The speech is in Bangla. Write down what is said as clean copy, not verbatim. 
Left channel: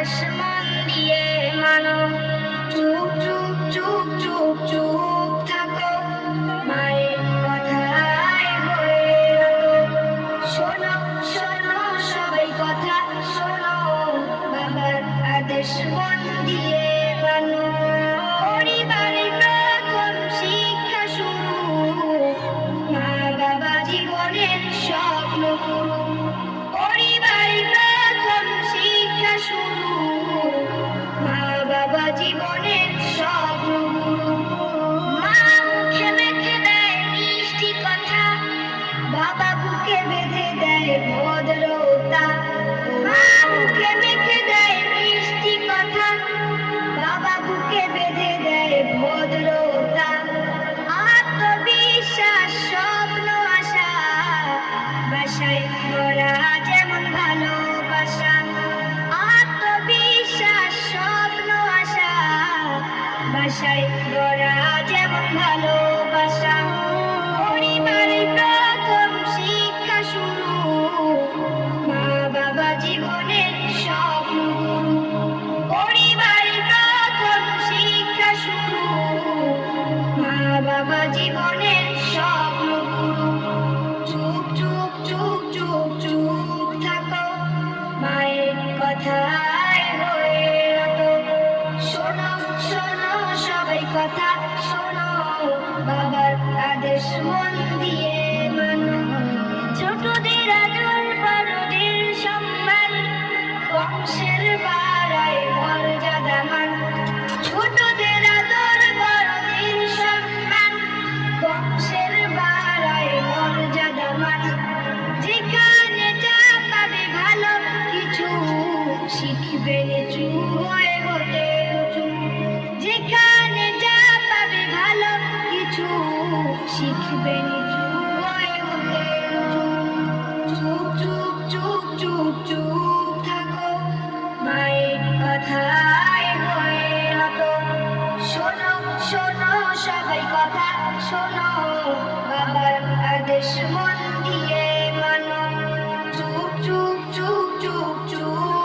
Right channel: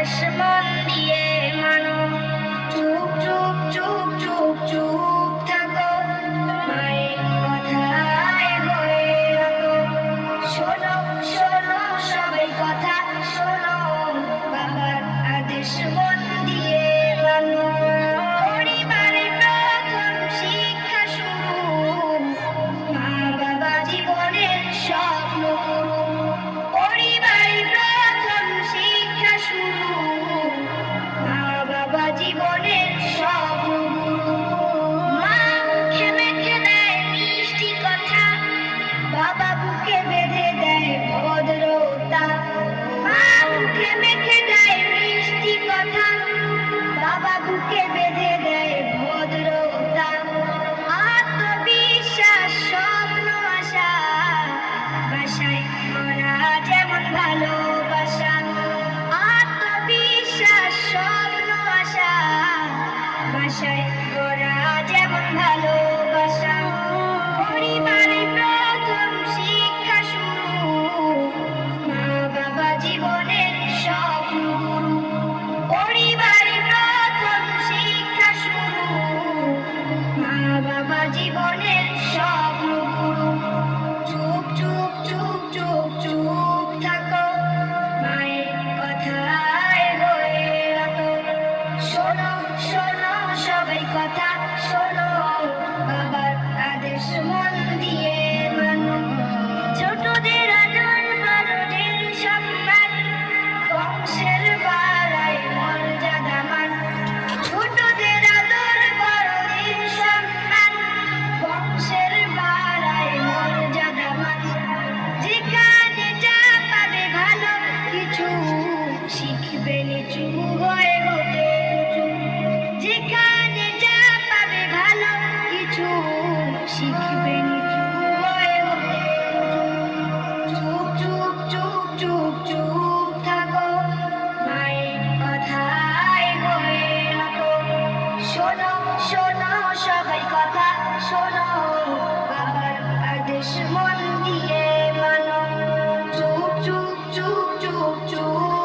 আদেশ মন দিয়ে মানো। চুপ চুপ চুপ চুপ চুপ থাকো, মায়ের কথায় হয়ে রাখো। শোনো শোনো সবাই কথা শোনো, বাবার আদেশ মন দিয়ে মানো। পরিবারে প্রথম শিক্ষা শুরু, মা বাবা জীবনের স্বপ্ন গুরু। পরিবারে প্রথম শিক্ষা শুরু, মা বাবা জীবনের স্বপ্ন গুরু। মা মুখে মেখে দেয় মিষ্টি কথা, বাবা বুকে বেঁধে দেয় ভদ্রতা। মা মুখে মেখে দেয় মিষ্টি কথা, বাবা বুকে বেঁধে দেয় ভদ্রতা। আত্মবিশ্বাস স্বপ্ন আশা, বাসায় করা যেমন ভালোবাসা। আত্মবিশ্বাস স্বপ্ন আশা, বাসায় করা যেমন ভালোবাসা। পরিবারে প্রথম শিক্ষা শুরু, মা বাবা জীবনের স্বপ্ন গুরু। পরিবারে প্রথম শিক্ষা শুরু, মা বাবা জীবনের স্বপ্ন গুরু। চুপ চুপ চুপ চুপ চুপ থাকো, মায়ের কথায় হয়ে রাখো। শোনো শোনো সবাই কথা শোনো, বাবার আদেশ মন দিয়ে মানো। ছোটদের আদর বড়দের সম্মান, বংশের বাড়ায় মর্যাদা মান। ছোটদের আদর বড়দের সম্মান, বংশের বাড়ায় মর্যাদা মান। যেখানে যা পাবে ভালো কিছু, শিখবে নিচু হয়ে হতে উঁচু। যেখানে যা পাবে ভালো কিছু, শিখবে নিচু হয়ে হতে উঁচু। চুপ চুপ চুপ চুপ চুপ থাকো, মায়ের কথায় হয়ে রাখো। শোনো শোনো সবাই কথা শোনো, বাবার আদেশ মন দিয়ে মানো। চুপ চুপ চুপ চুপ চুপ